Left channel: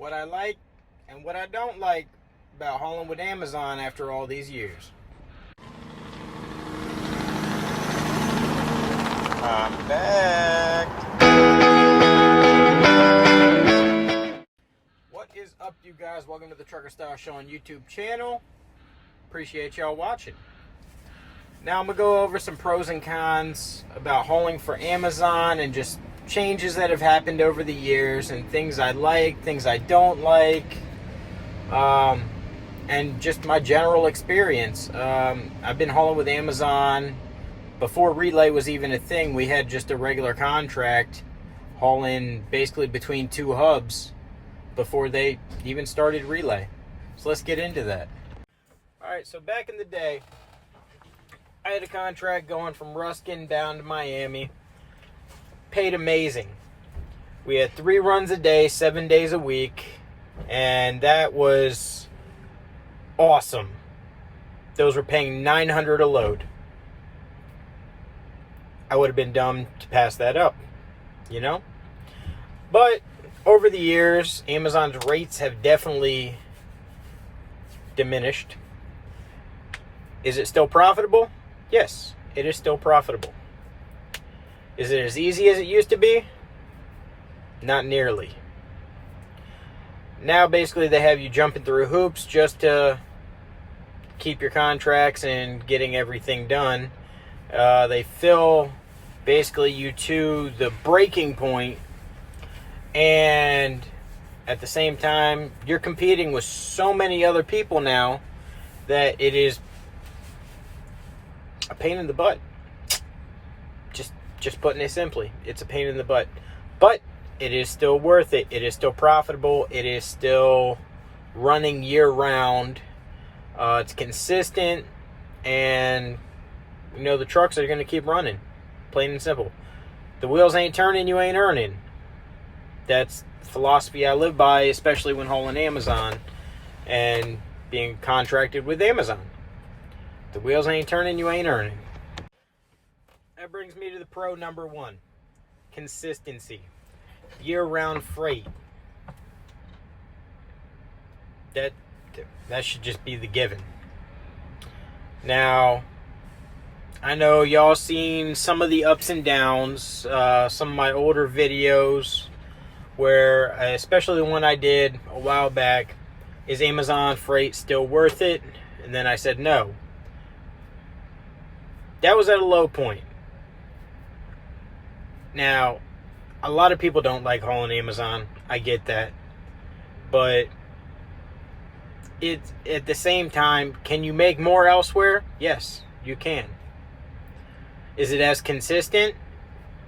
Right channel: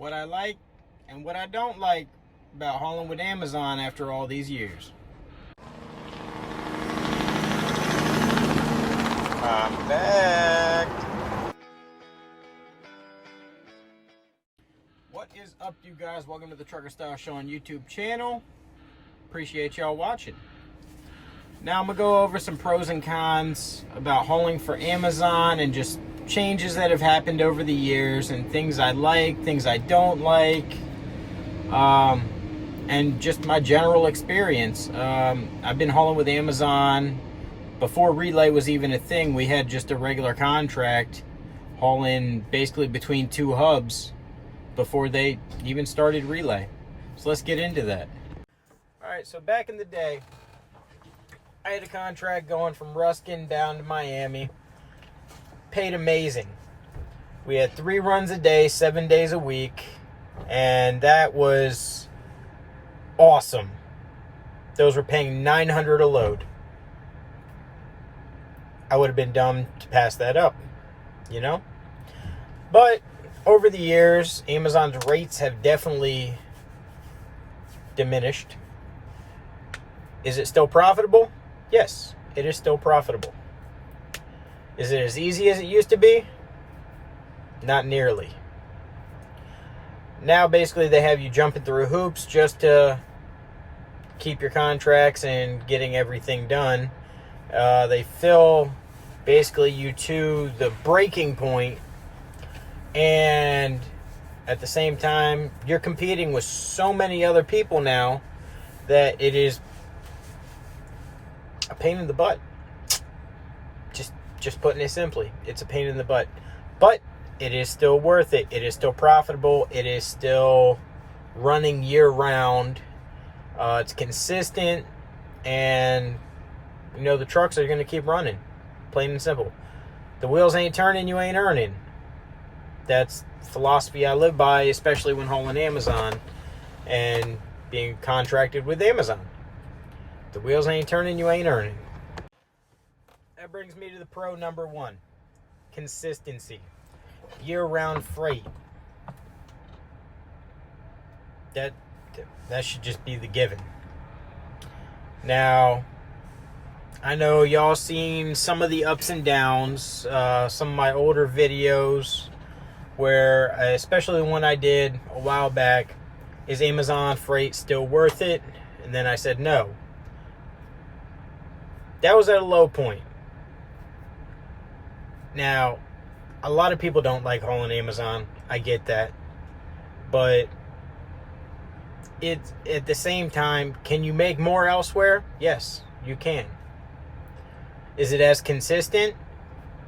what I like and what I don't like about hauling with Amazon after all these years. I'm back. What is up, you guys? Welcome to the Trucker Style Shawn YouTube channel. Appreciate y'all watching. Now I'm gonna go over some pros and cons about hauling for Amazon and just changes that have happened over the years and things I like, things I don't like, and just my general experience. I've been hauling with Amazon before Relay was even a thing. We had just a regular contract hauling basically between two hubs before they even started Relay. So let's get into that. All right, so back in the day, I had a contract going from Ruskin down to Miami. Paid amazing. We had 3 runs a day, 7 days a week, and that was awesome. Those were paying $900 a load. I would have been dumb to pass that up, you know? But over the years, Amazon's rates have definitely diminished. Is it still profitable? Yes, it is still profitable. Is it as easy as it used to be? Not nearly. Now basically they have you jumping through hoops just to keep your contracts and getting everything done. They fill basically you to the breaking point, and at the same time you're competing with so many other people now that it is a pain in the butt. Just putting it simply, it's a pain in the butt. But it is still worth it. It is still profitable. It is still running year round. It's consistent, and you know the trucks are going to keep running. Plain and simple. The wheels ain't turning, you ain't earning. That's the philosophy I live by, especially when hauling Amazon and being contracted with Amazon. The wheels ain't turning, you ain't earning. That brings me to the pro number 1. Consistency. Year-round freight. That should just be the given. Now, I know y'all seen some of the ups and downs, some of my older videos where, especially the one I did a while back, is Amazon freight still worth it? And then I said no. That was at a low point. Now, a lot of people don't like hauling Amazon. I get that. But it's at the same time, can you make more elsewhere? Yes, you can. Is it as consistent?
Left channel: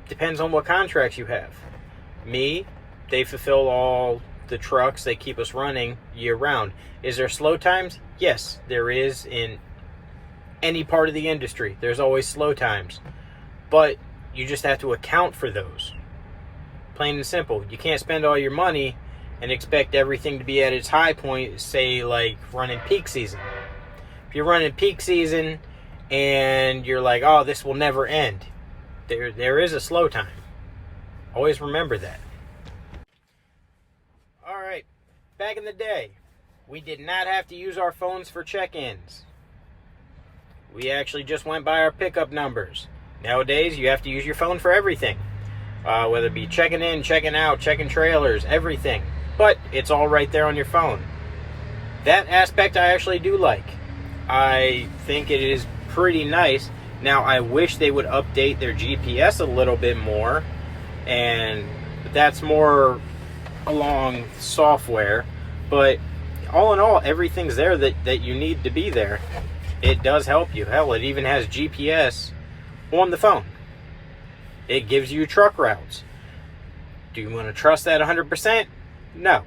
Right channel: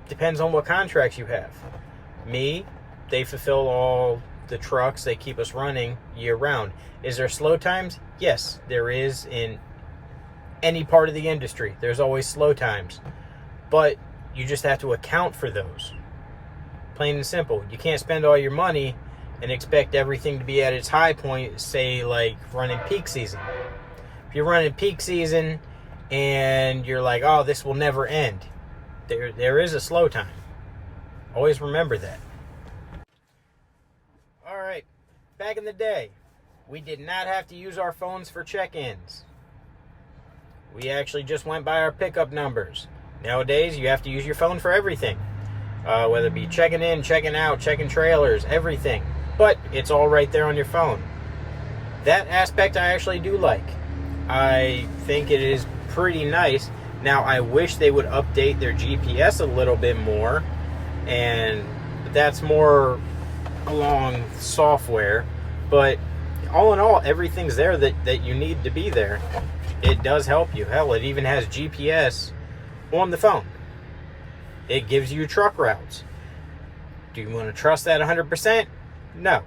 Depends on what contracts you have. Me, they fulfill all the trucks. They keep us running year round. Is there slow times? Yes, there is in any part of the industry. There's always slow times. But you just have to account for those. Plain and simple. You can't spend all your money and expect everything to be at its high point, say like running peak season. If you're running peak season and you're like, oh, this will never end, there is a slow time. Always remember that. All right. Back in the day, we did not have to use our phones for check-ins. We actually just went by our pickup numbers. Nowadays, you have to use your phone for everything. Whether it be checking in, checking out, checking trailers, everything. But it's all right there on your phone. That aspect I actually do like. I think it is pretty nice. Now, I wish they would update their GPS a little bit more. And that's more along software. But all in all, everything's there that you need to be there. It does help you. Hell, it even has GPS on the phone. It gives you truck routes. Do you want to trust that 100%? No.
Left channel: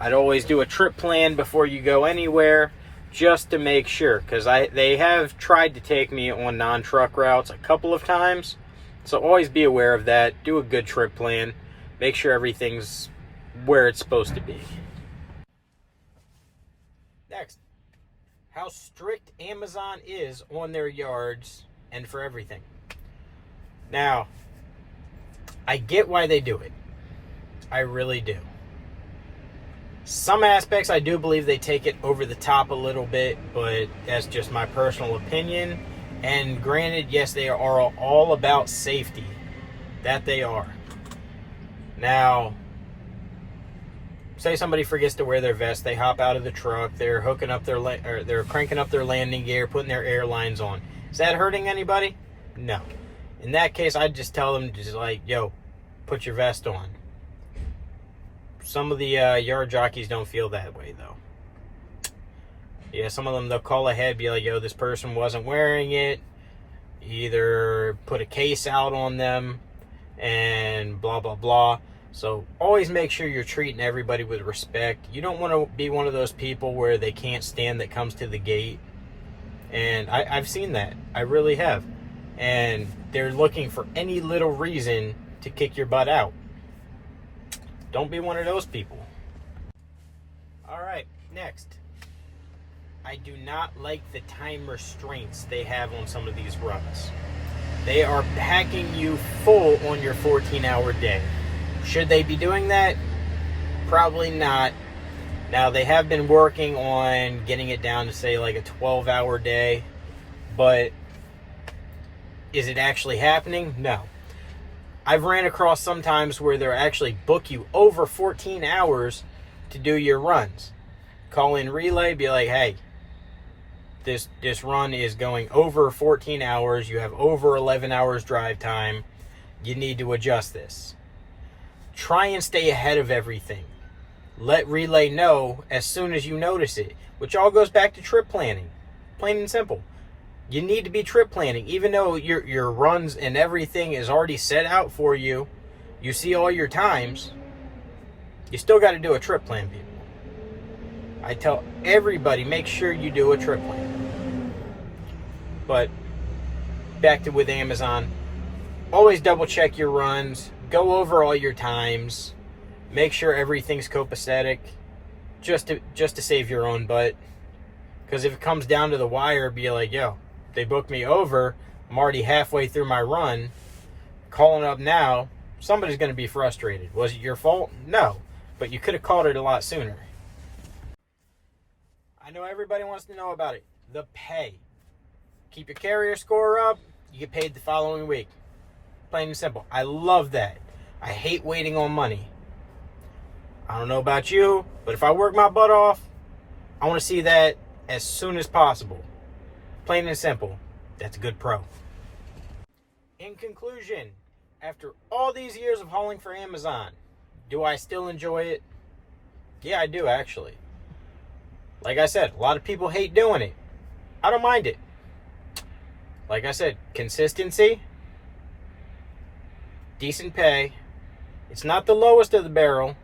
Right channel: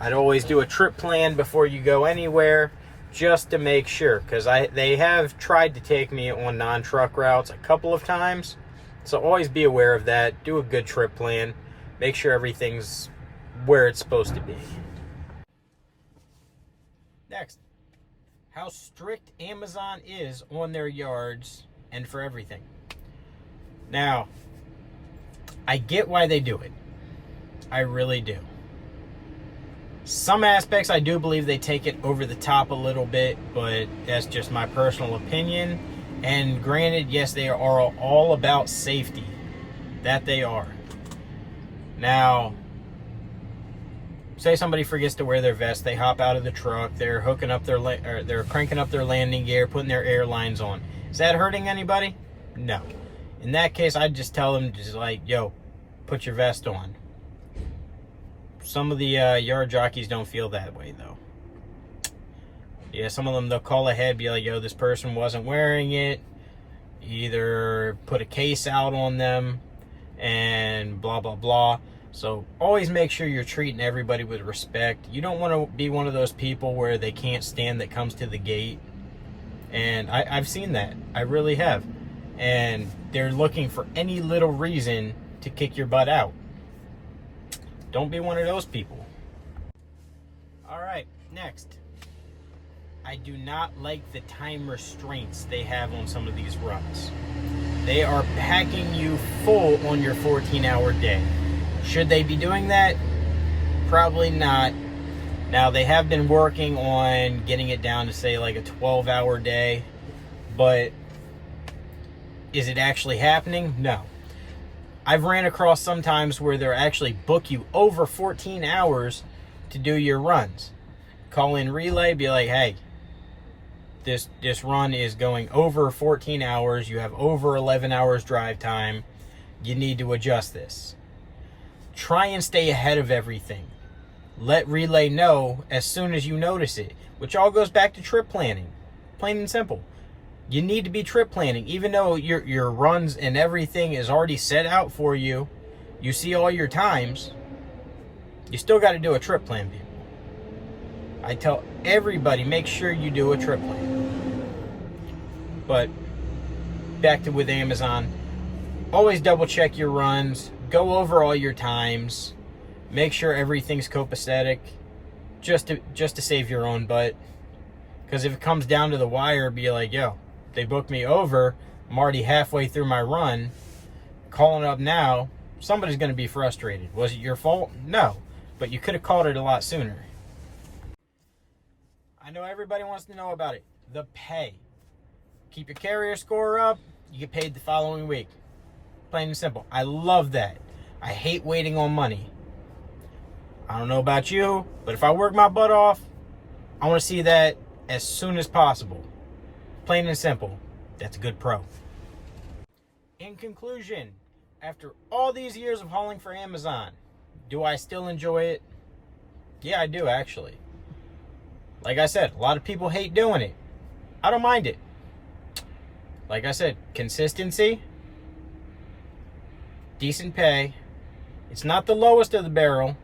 I'd always do a trip plan before you go anywhere, just to make sure, because they have tried to take me on non-truck routes a couple of times, so always be aware of that. Do a good trip plan. Make sure everything's where it's supposed to be. Next, how strict Amazon is on their yards and for everything. Now, I get why they do it. I really do. Some aspects I do believe they take it over the top a little bit, but that's just my personal opinion. And granted, yes, they are all about safety. That they are. Now, say somebody forgets to wear their vest, they hop out of the truck, they're hooking up they're cranking up their landing gear, putting their airlines on. Is that hurting anybody? No. In that case, I'd just tell them, just like, yo, put your vest on. Some of the yard jockeys don't feel that way, though. Yeah, some of them, they'll call ahead, be like, yo, this person wasn't wearing it. Either put a case out on them and blah, blah, blah. So always make sure you're treating everybody with respect. You don't want to be one of those people where they can't stand that comes to the gate. And I've seen that. I really have. And they're looking for any little reason to kick your butt out. Don't be one of those people. All right, next. I do not like the time restraints they have on some of these runs. They are packing you full on your 14-hour day. Should they be doing that? Probably not. Now, they have been working on getting it down to, say, like a 12-hour day. But is it actually happening? No. I've ran across sometimes where they'll actually book you over 14 hours to do your runs. Call in relay, be like, hey, this run is going over 14 hours. You have over 11 hours drive time. You need to adjust this. Try and stay ahead of everything. Let relay know as soon as you notice it, which all goes back to trip planning. Plain and simple. You need to be trip planning. Even though your runs and everything is already set out for you, you see all your times, you still got to do a trip plan, people. I tell everybody, make sure you do a trip plan. But back to with Amazon, always double check your runs, go over all your times, make sure everything's copacetic, just to save your own butt. Because if it comes down to the wire, be like, yo, they booked me over, I'm already halfway through my run, calling up now, somebody's going to be frustrated. Was it your fault? No, but you could have called it a lot sooner. I know everybody wants to know about it. The pay. Keep your carrier score up, you get paid the following week. Plain and simple. I love that. I hate waiting on money. I don't know about you, but if I work my butt off, I want to see that as soon as possible. Plain and simple. That's a good pro. In conclusion, after all these years of hauling for Amazon, do I still enjoy it? Yeah, I do, actually. Like I said, a lot of people hate doing it. I don't mind it. Like I said, consistency, decent pay. It's not the lowest of the barrel.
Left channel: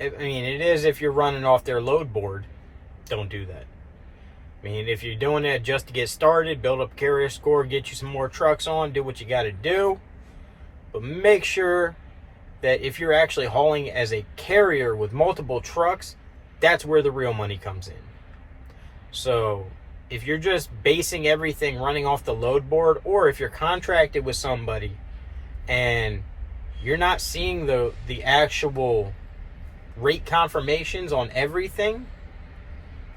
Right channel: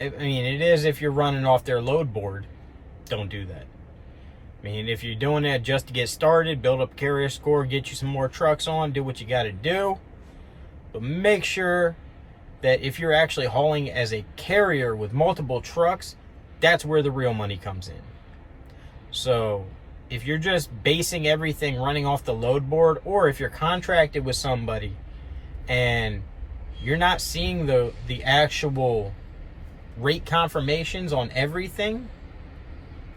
I mean, it is if you're running off their load board. Don't do that. I mean, if you're doing that just to get started, build up carrier score, get you some more trucks on, do what you got to do. But make sure that if you're actually hauling as a carrier with multiple trucks, that's where the real money comes in. So if you're just basing everything running off the load board, or if you're contracted with somebody and you're not seeing the actual rate confirmations on everything,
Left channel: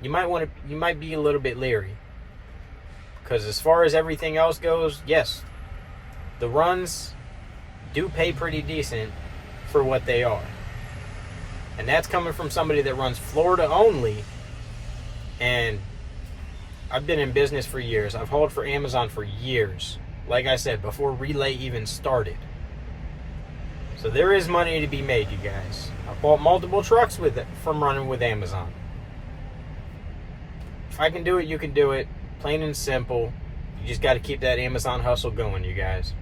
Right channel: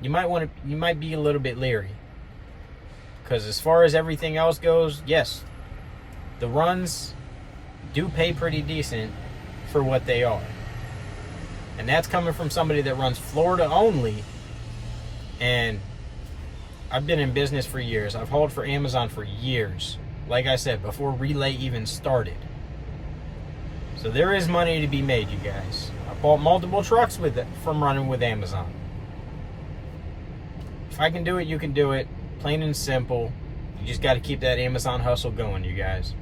you might be a little bit leery. Because as far as everything else goes, yes, the runs do pay pretty decent for what they are. And that's coming from somebody that runs Florida only. And I've been in business for years. I've hauled for Amazon for years. Like I said, before Relay even started. So there is money to be made, you guys. I bought multiple trucks from running with Amazon. If I can do it, you can do it. Plain and simple. You just got to keep that Amazon hustle going, you guys.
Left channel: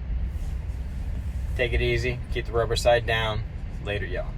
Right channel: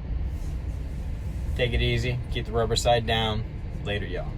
Take it easy. Keep the rubber side down. Later, y'all.